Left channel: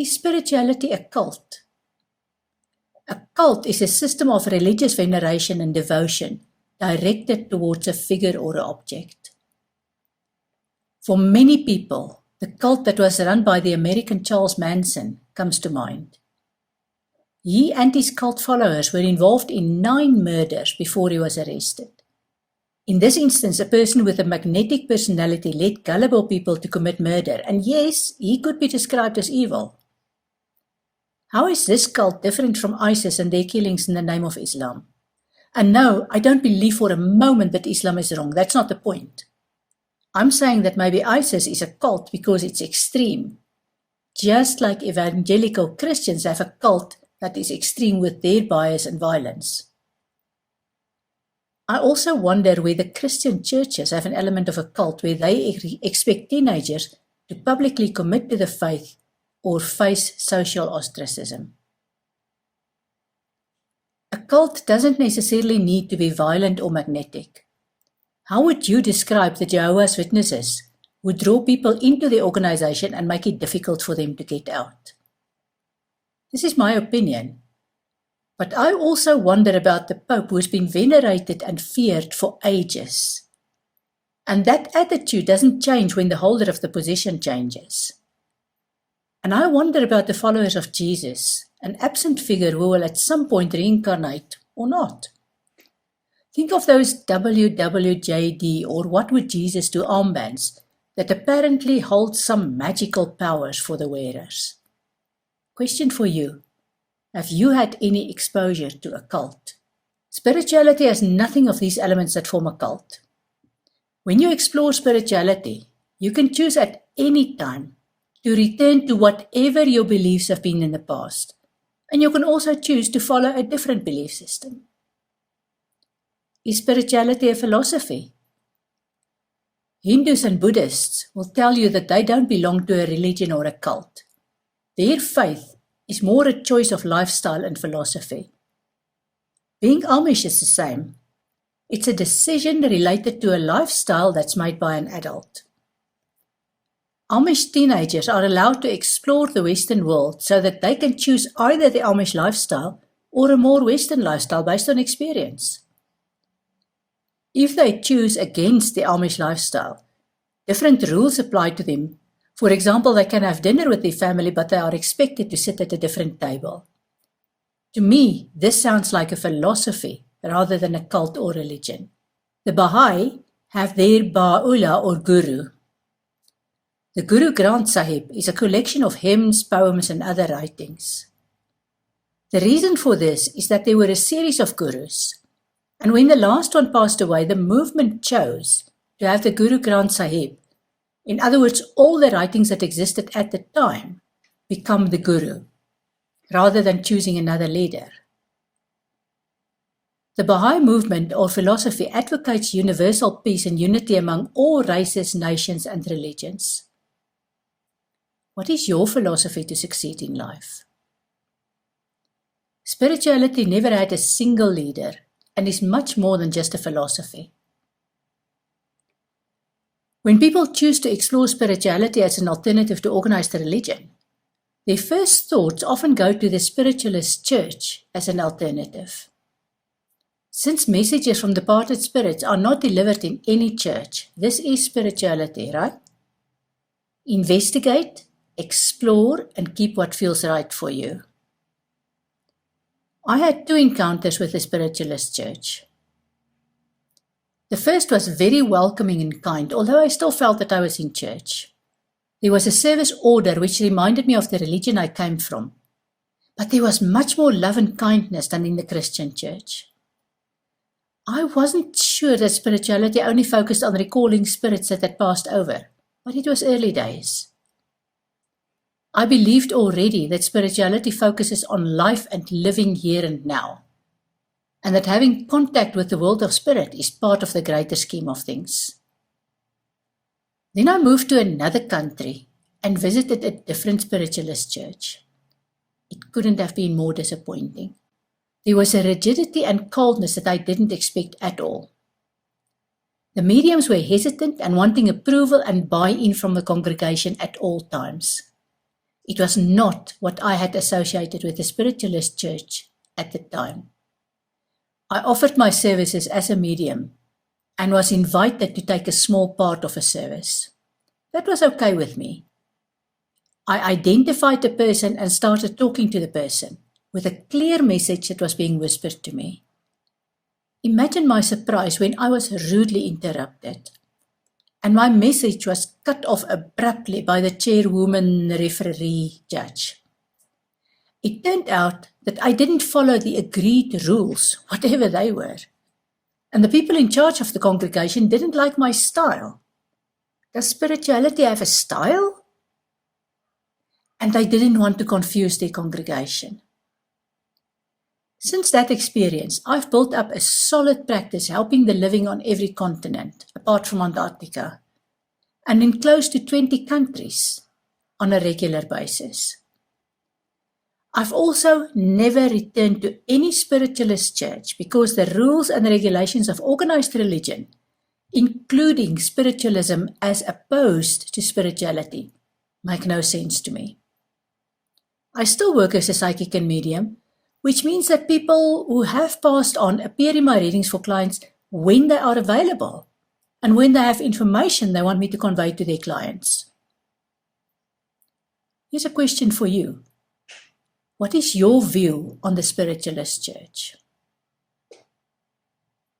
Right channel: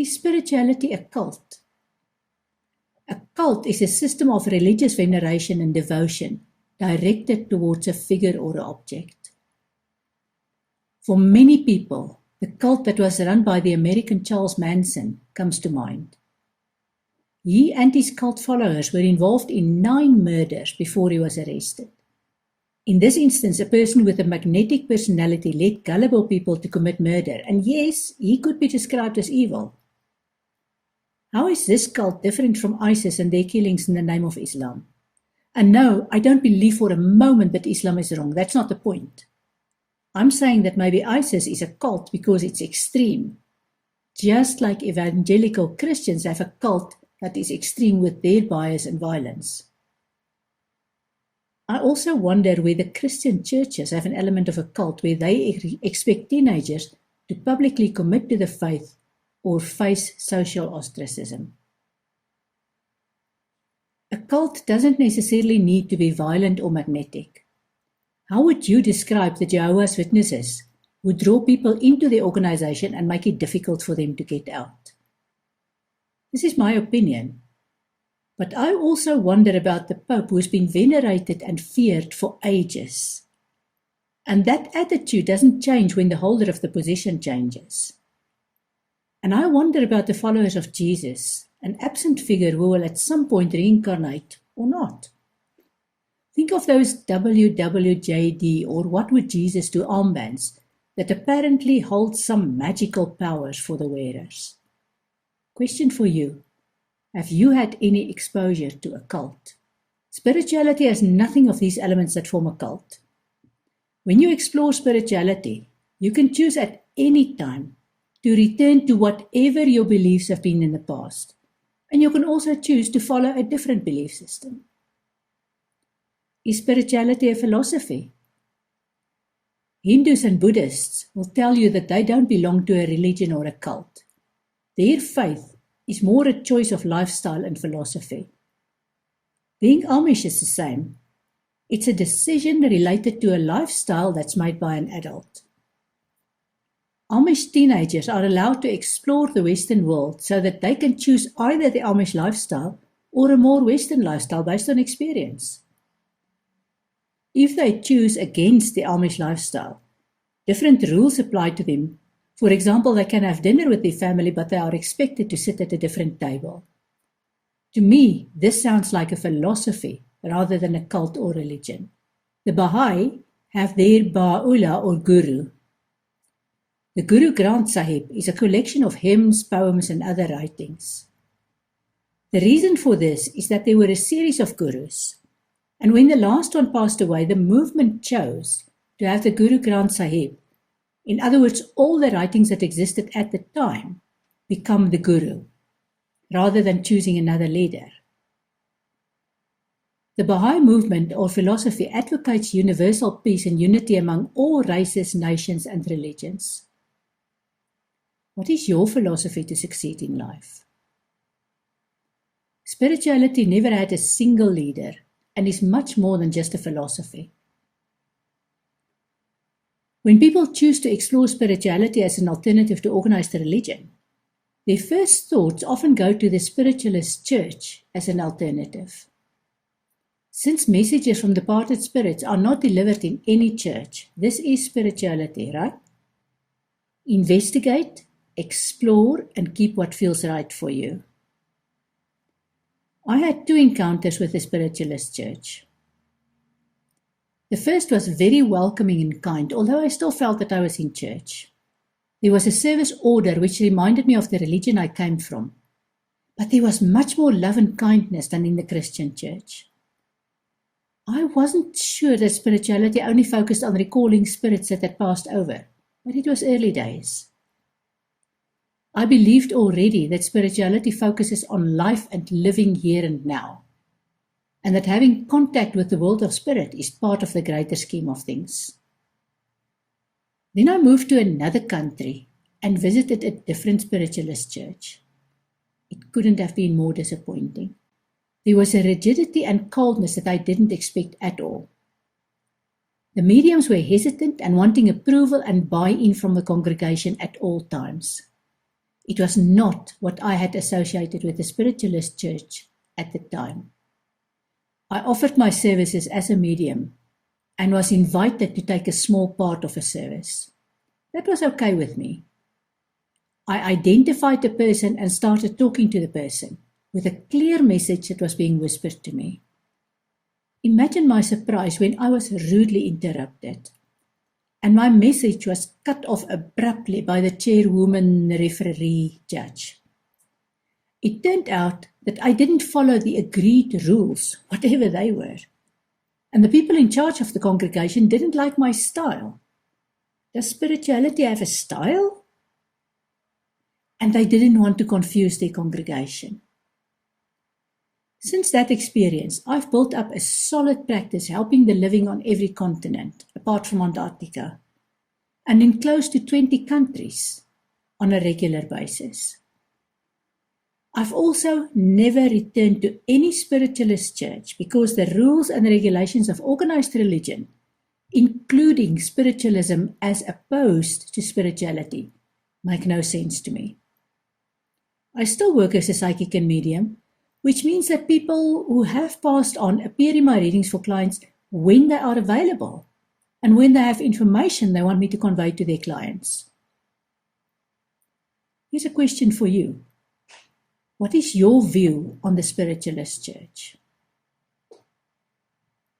Is spirituality a cult? A cult is a system of religious veneration and devotion directed towards a figure or an object. For many people, the cult that was run by the American Charles Manson comes to mind. He and his cult followers were involved in 9 murders before he was arrested. In this instance, a person with a magnetic personality led gullible people to commit murder, and yes, he could be described as evil. How is this cult different from ISIS and their killings in the name of Islam? And no, I don't believe for a moment that Islam is wrong. That's not the point. I'm saying that maybe ISIS is a cult because it's extreme, just like evangelical Christians have a cult that is extreme with their bias and violence. I also wonder whether Christian churches have an element of a cult where they expect teenagers to publicly commit to the faith or face social ostracism. A cult doesn't necessarily need to be violent or magnetic. How would you describe the Jehovah's Witnesses who draw people into their organization and make it difficult for them to get out? This is my opinion. But I also wonder about the Pope who has been venerated and feared for ages. And that attitude doesn't change when the holder of the position changes. And I wonder about the followers of Jesus, an absent figure who will at some point reincarnate or not. Think of those WWJD or What Would Jesus Do armbands that apparently hold some magical powers for the wearers. Question for you. Have you had any exposure to a cult? Spirituality has nothing of these elements that form a cult. When you explore spirituality, you can choose at any time to return to whatever your beliefs have been in the past, and you can also choose to follow a different belief system. Is spirituality a philosophy? Hindus and Buddhists will tell you that they don't belong to a religion or a cult. Their faith is more a choice of lifestyle and philosophy. Being Amish is the same. It's a decision related to a lifestyle that's made by an adult. Amish teenagers are allowed to explore the Western world so that they can choose either the Amish lifestyle or a more Western lifestyle based on experience. If they choose against the Amish lifestyle, different rules apply to them. For example, they can have dinner with their family, but they are expected to sit at a different table. To me, this sounds like a philosophy rather than a cult or religion. The Baha'i have their Ba'ullah or guru. The Guru Granth Sahib is a collection of hymns, poems, and other writings. The reason for this is that there were a series of gurus, and when the last one passed away, the movement chose to have the Guru Granth Sahib, in other words, all the writings that existed at the time, become the guru, rather than choosing another leader. The Baha'i movement or philosophy advocates universal peace and unity among all races, nations, and religions. What is your philosophy to succeed in life? Spirituality never had a single leader and is much more than just a philosophy. When people choose to explore spirituality as an alternative to organized religion, their first thoughts often go to the spiritualist church as an alternative. Since messages from departed spirits are not delivered in any church, this is spirituality, right? Investigate, explore, and keep what feels right for you. I had 2 encounters with the spiritualist church. The first was very welcoming and kind, although I still felt that I was in church. There was a service order which reminded me of the religion I came from, but there was much more love and kindness than in the Christian church. I wasn't sure that spirituality only focused on recalling spirits that had passed over, but it was early days. I believed already that spirituality focuses on life and living here and now, and that having contact with the world of spirit is part of the greater scheme of things. Then I moved to another country and visited a different spiritualist church. It couldn't have been more disappointing. There was a rigidity and coldness that I didn't expect at all. The mediums were hesitant and wanting approval and buy-in from the congregation at all times. It was not what I had associated with the spiritualist church at the time. I offered my services as a medium and was invited to take a small part of a service. That was okay with me. I identified the person and started talking to the person with a clear message that was being whispered to me. Imagine my surprise when I was rudely interrupted and my message was cut off abruptly by the chairwoman referee judge. It turned out that I didn't follow the agreed rules, whatever they were, and the people in charge of the congregation didn't like my style. Does spirituality have a style? And they didn't want to confuse their congregation. Since that experience, I've built up a solid practice helping the living on every continent, apart from Antarctica, and in close to 20 countries on a regular basis. I've also never returned to any spiritualist church because the rules and regulations of organized religion, including spiritualism as opposed to spirituality, make no sense to me. I still work as a psychic and medium, which means that people who have passed on appear in my readings for clients when they are available and when they have information they want me to convey to their clients. Here's a question for you. What is your view on the spiritualist church?